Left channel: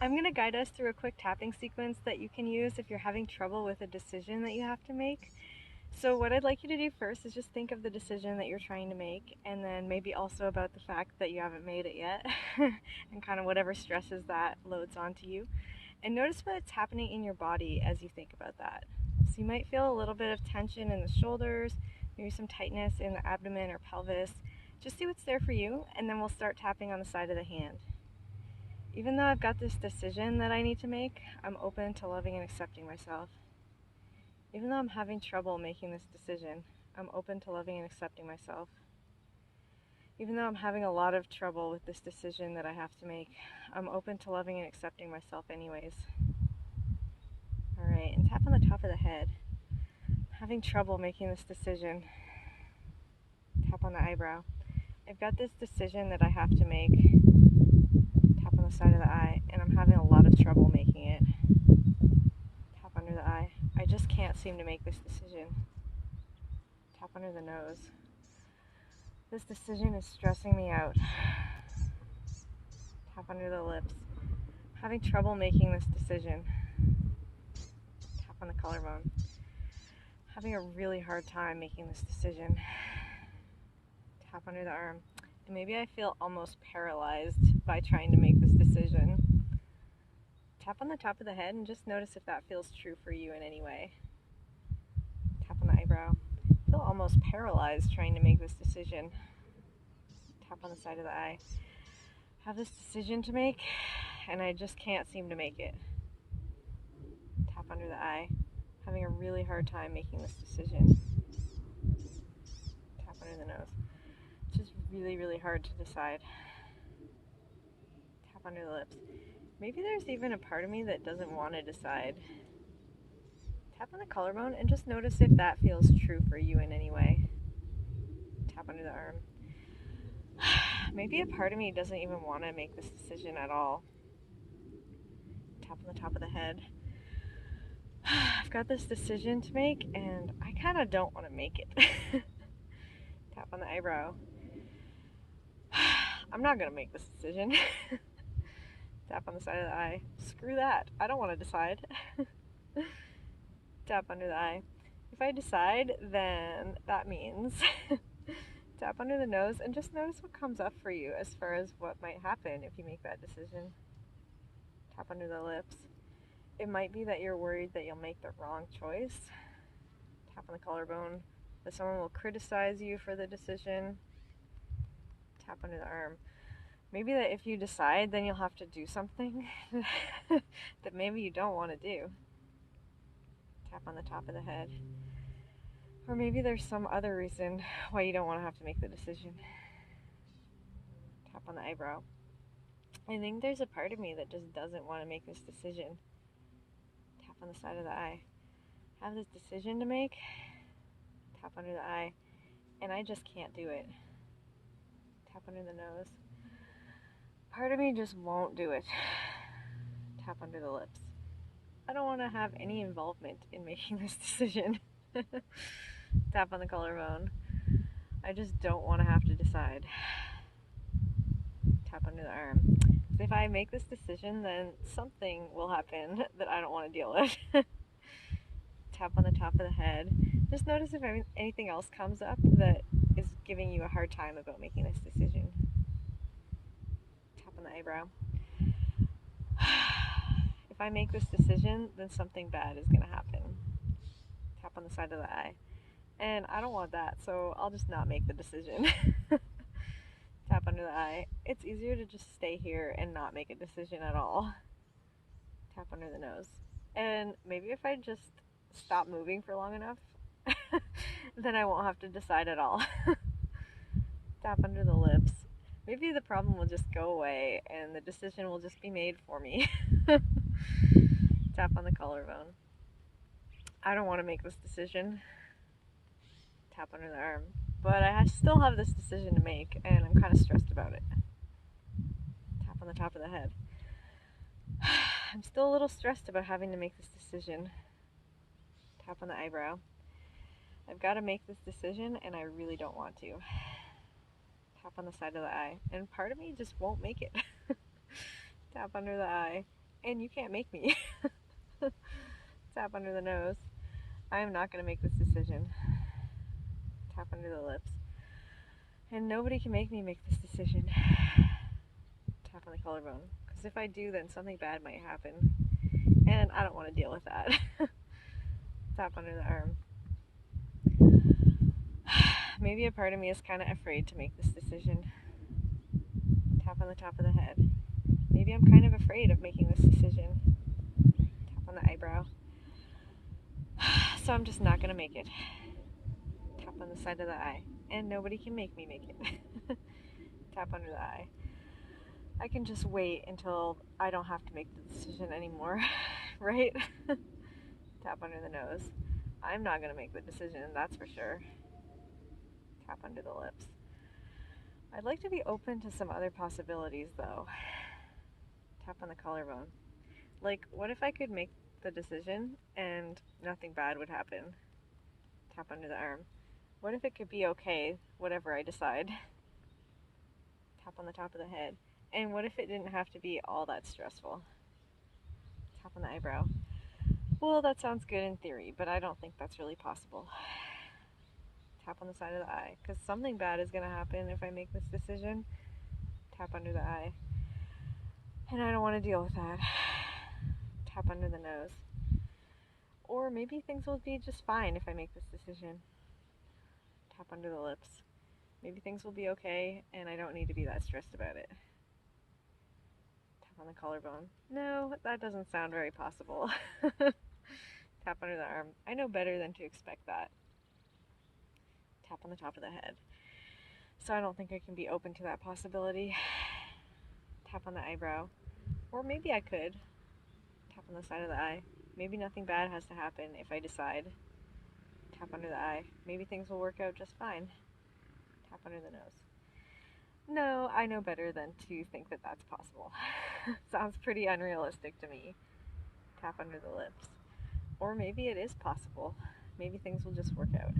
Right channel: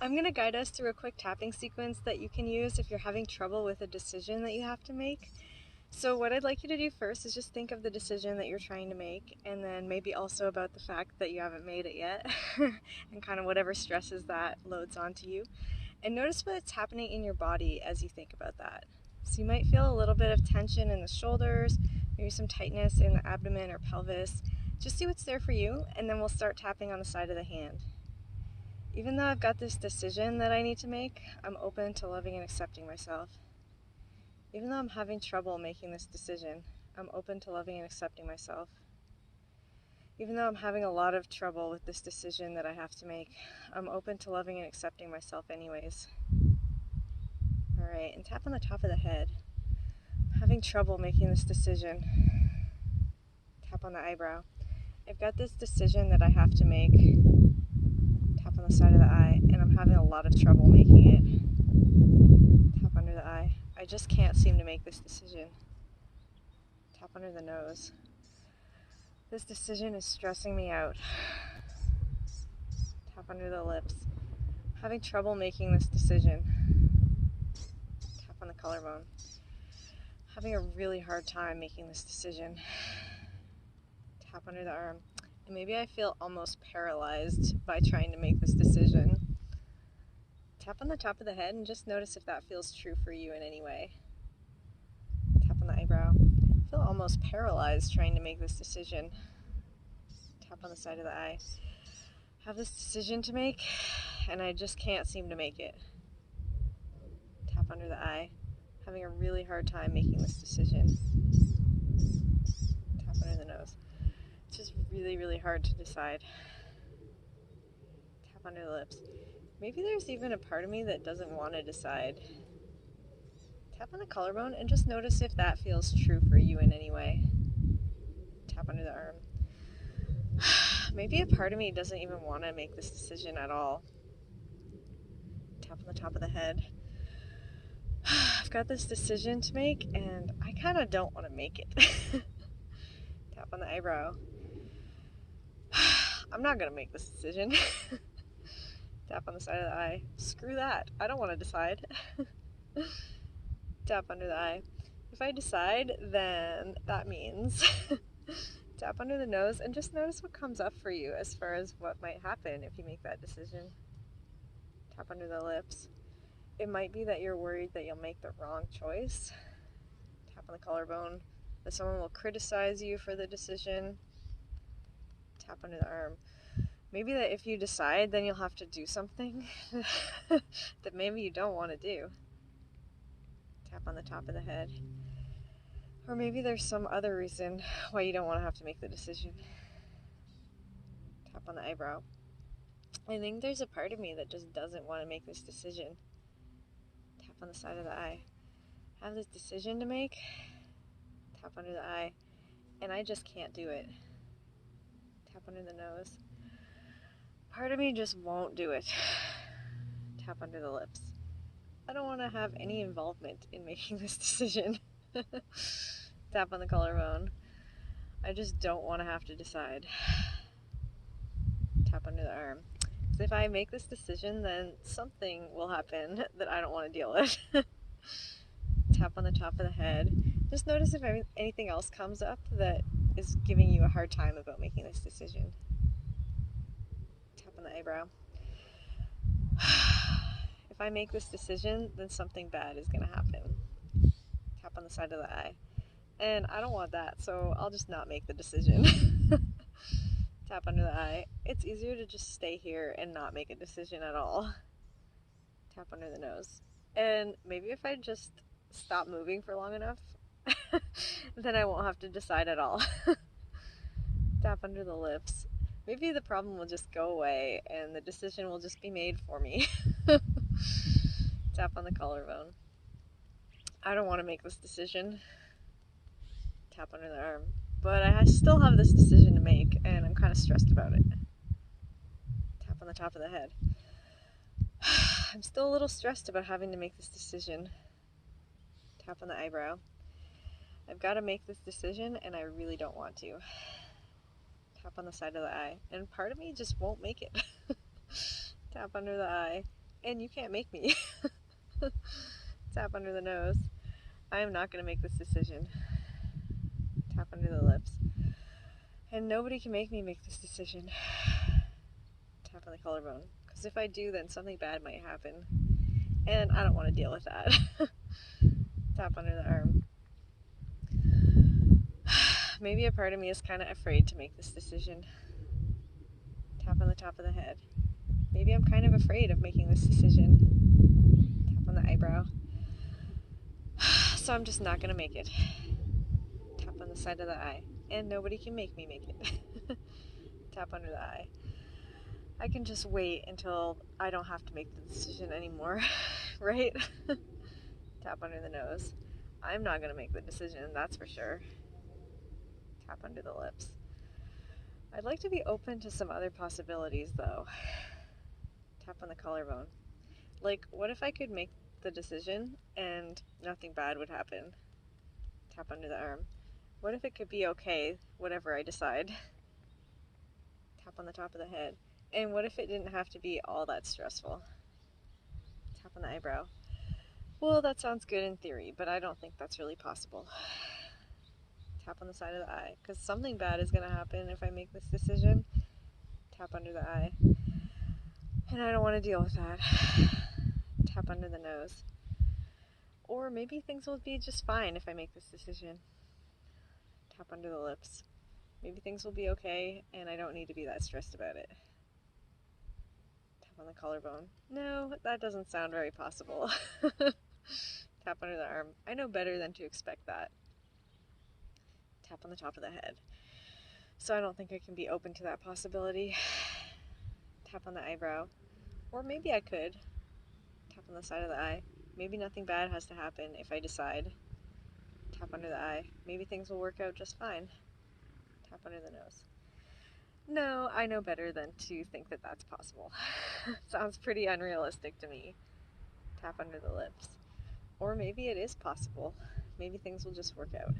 I'm going to guide us through a quick tapping sequence that you can use if you're having trouble with a decision that you have to make. So what I'd like you to do first is just think of the decision that you're trying to make, and then maybe also about the fact that you haven't made it yet, and kind of whatever stresses that loads onto you. And notice what's happening in your body as you think about that. So you might feel a little bit of tension in the shoulders, maybe some tightness in the abdomen or pelvis. Just see what's there for you, and then we'll start tapping on the side of the hand. Even though I've got this decision that I need to make, I'm open to loving and accepting myself. Even though I'm having trouble making this decision, I'm open to loving and accepting myself. Even though I'm having a lot of trouble with this decision that I have to make, I'm open to loving and accepting myself anyways. Alright, and tap on the top of the head. I'm having trouble making this decision. Tap on the eyebrow. I've got this decision that I have to make. Tap on the side of the eye, and I'm having a lot of trouble making it. Tap under the eye. I just can't seem to make this decision. Tap under the nose. This decision is stressing me out. Tap under the lips. Having trouble making this decision. Tap on the collarbone. Having a really hard time making this decision. Tap under the arm. And maybe I feel almost paralyzed by trying to make this decision. Tap on the top of the head and just notice if that feels true for you in any way. Tap on the eyebrow. I feel almost paralyzed trying to make this decision. Tap on the side of the eye. I have this decision to make and I just can't seem to make it. Tap under the eye. Having a really hard time making this decision. Tap under the nose. It's just really, really hard to decide. Tap under the lips. Maybe there's even a part of me that doesn't want to decide. Tap on the collarbone and just notice if that feels true for you in any way. Tap under the arm. Maybe a part of me doesn't even want to make this decision at all. Tap on the top of the head. I've got this decision to make and I kind of don't want to make it. Tap on the eyebrow. I'm not going to make this decision. Tap on the side of the eye. Screw that. I don't want to decide. Tap under the eye. If I decide, then that means tap under the nose and just notice what comes up for you as far as what might happen if you make that decision. Tap under the lips. It might be that you're worried that you'll make the wrong choice. Tap on the collarbone. That someone will criticize you for the decision. Tap under the arm. Maybe that if you decide, then you'll have to do something that maybe you don't want to do. Tap on the top of the head. Or maybe there's some other reason why you don't want to have to make the decision. Tap on the eyebrow. I think there's a part of me that just doesn't want to make this decision. Tap on the side of the eye. I have this decision to make. Tap under the eye. And I just can't do it. Tap under the nose. Part of me just won't do it. Tap under the lips. I don't want to have any involvement in making this decision. Tap on the collarbone. I just don't want to have to decide. Tap under the arm. Because if I make this decision, then something will happen that I don't want to deal with. Tap on the top of the head. Just notice if anything else comes up that is giving you a hard time about making this decision. Tap on the eyebrow. If I make this decision, then something bad is going to happen. Tap on the side of the eye. And I don't want that, so I'll just not make the decision. Tap under the eye. It's easier to just stay here and not make a decision at all. Tap under the nose. And maybe if I just stop moving for long enough, then I won't have to decide at all. Tap under the lips. Maybe the problem will just go away and the decision will just be made for me. Tap on the collarbone. I don't want to make this decision. Tap under the arm. But I still have this decision to make and I'm kind of stressed about it. Tap on the top of the head. I'm still a little stressed about having to make this decision. Tap on the eyebrow. I've got to make this decision and I really don't want to. Tap on the side of the eye. And part of me just won't make it. Tap under the eye. and you can't make me. Tap under the nose. I am not going to make this decision. Tap under the lips. And nobody can make me make this decision. Tap on the collarbone. Because if I do, then something bad might happen. And I don't want to deal with that. Tap under the arm. Maybe a part of me is kind of afraid to make this decision. Tap on the top of the head. Maybe I'm kind of afraid of making this decision. Tap on the eyebrow. So I'm just not going to make it. Tap on the side of the eye. And nobody can make me make it. Tap under the eye. I can just wait until I don't have to make the decision anymore, right? Tap under the nose. I'm not going to make the decision, that's for sure. Tap under the lips. I'd like to be open to some other possibilities, though. Tap on the collarbone. Like, what if I could make the decision and nothing bad would happen? Tap under the arm. What if it could be okay, whatever I decide? Tap on the top of the head. And what if it didn't have to be all that stressful? Tap on the eyebrow. Well, that sounds good in theory, but I don't think that's really possible. Tap on the side of the eye, because something bad is going to happen if I make this decision. Tap under the eye. And I don't want to deal with that. Tap under the nose. Or maybe things will be just fine if I make this decision. Tap under the lips. Maybe things will be okay and I don't need to be that stressed about it. Tap on the collarbone. No, that doesn't sound very possible. Tap under the arm. I know better than to expect that. Tap on the top of the head. So I don't think I can be open to that possibility. Tap on the eyebrow. Or maybe I could. Tap on the side of the eye. Maybe nothing bad has to happen if I decide. Tap under the eye. Maybe things will work out just fine. Tap under the nose. No, I know better than to think that that's possible. Sounds pretty unrealistic to me. Tap under the lips. Or maybe it is possible. Maybe things will just work out.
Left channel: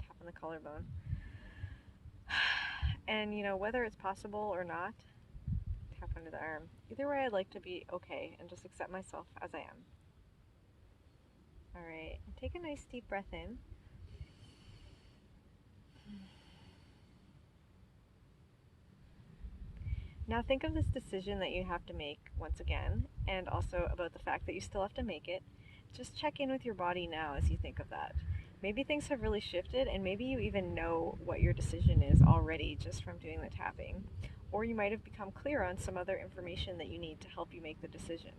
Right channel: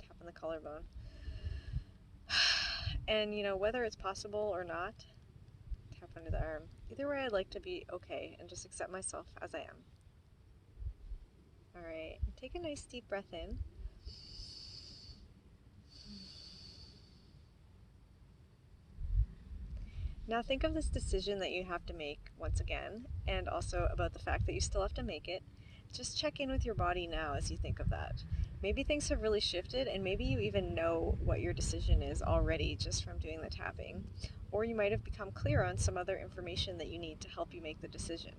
Tap on the collarbone. And, whether it's possible or not, tap under the arm. Either way, I'd like to be okay and just accept myself as I am. Alright, take a nice deep breath in. Now think of this decision that you have to make once again, and also about the fact that you still have to make it. Just check in with your body now as you think of that. Maybe things have really shifted, and maybe you even know what your decision is already just from doing the tapping. Or you might have become clear on some other information that you need to help you make the decision.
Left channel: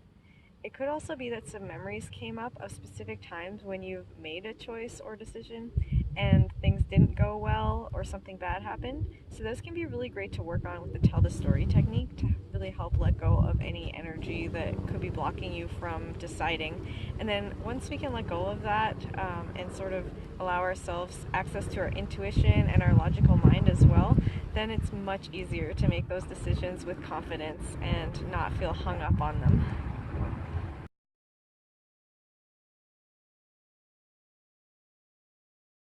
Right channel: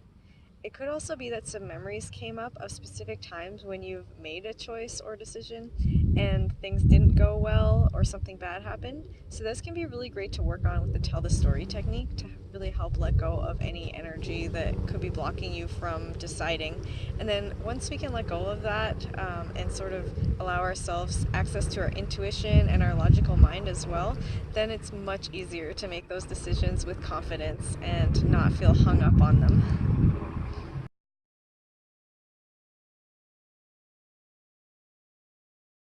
It could also be that some memories came up of specific times when you've made a choice or decision and things didn't go well or something bad happened. So this can be really great to work on with the tell the story technique to really help let go of any energy that could be blocking you from deciding. And then once we can let go of that and sort of allow ourselves access to our intuition and our logical mind as well, then it's much easier to make those decisions with confidence and not feel hung up on them.